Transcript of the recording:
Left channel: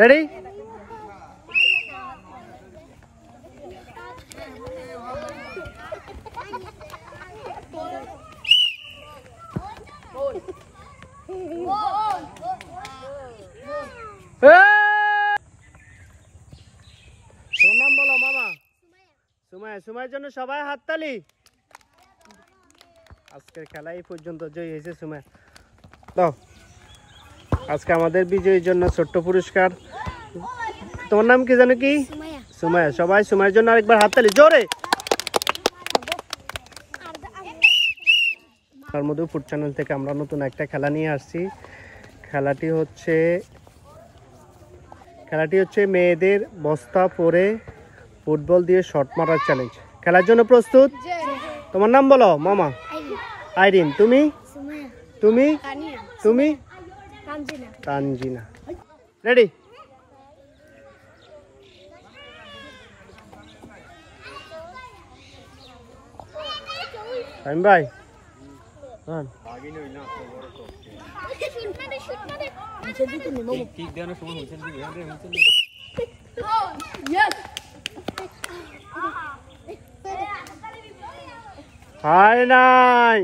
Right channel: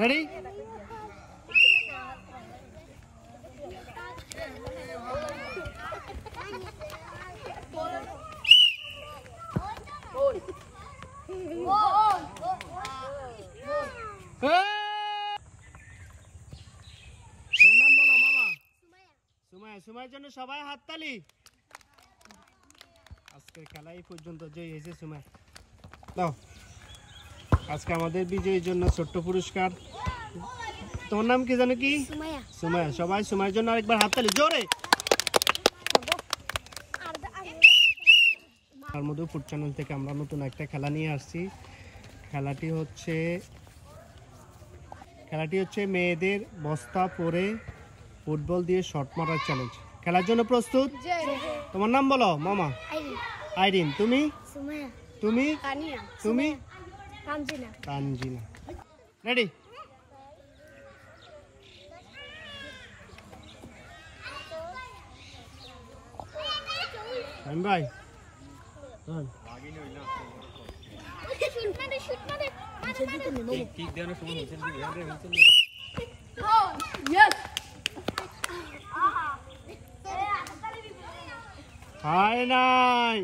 Ready? নাম বলো মামা। সুমাইয়া। সুমাইয়ের জন্য সবাই হাততালি। আজকের খেলা এই পর্যন্ত জয়ী হয়েছে সুমাইয়া। দাও আজকে আমাদের বিজয়ীর জন্য ছোট্ট পুরস্কার। তোমার নাম কি জানো? কি? সুমাইয়া। সবাই সুমাইয়ের জন্য আরেকবার হাততালি জোরে। তার মধ্যে ফুড চ্যানেল থেকে আমরা নতুন একটা খেলা নিয়ে আসছি। খেলাটি হচ্ছে মেয়েদের বস্তা পরে ফুটবল দিয়ে শট মারার চ্যালেঞ্জ। খেলার জন্য প্রস্তুত? তোমার নাম বলো মামা। আইরিন। তুমি? তুমি? তুমি? তানজিনা। রেডি? টাইম ভাই। হাই নাই।